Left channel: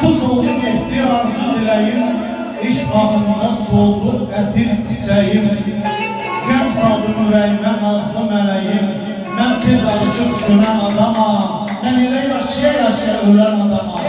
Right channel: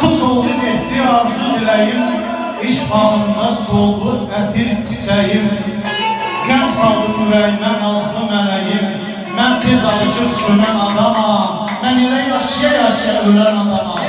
Tuz oldu etdi arzu diləyim, iş bağında soldu qətir çiçəyim. Qəm saldım ürəyimə nazlı mələyim, mən tez alışıb sönən adamam, mən elə yaşaya-yaşaya ölən adamam.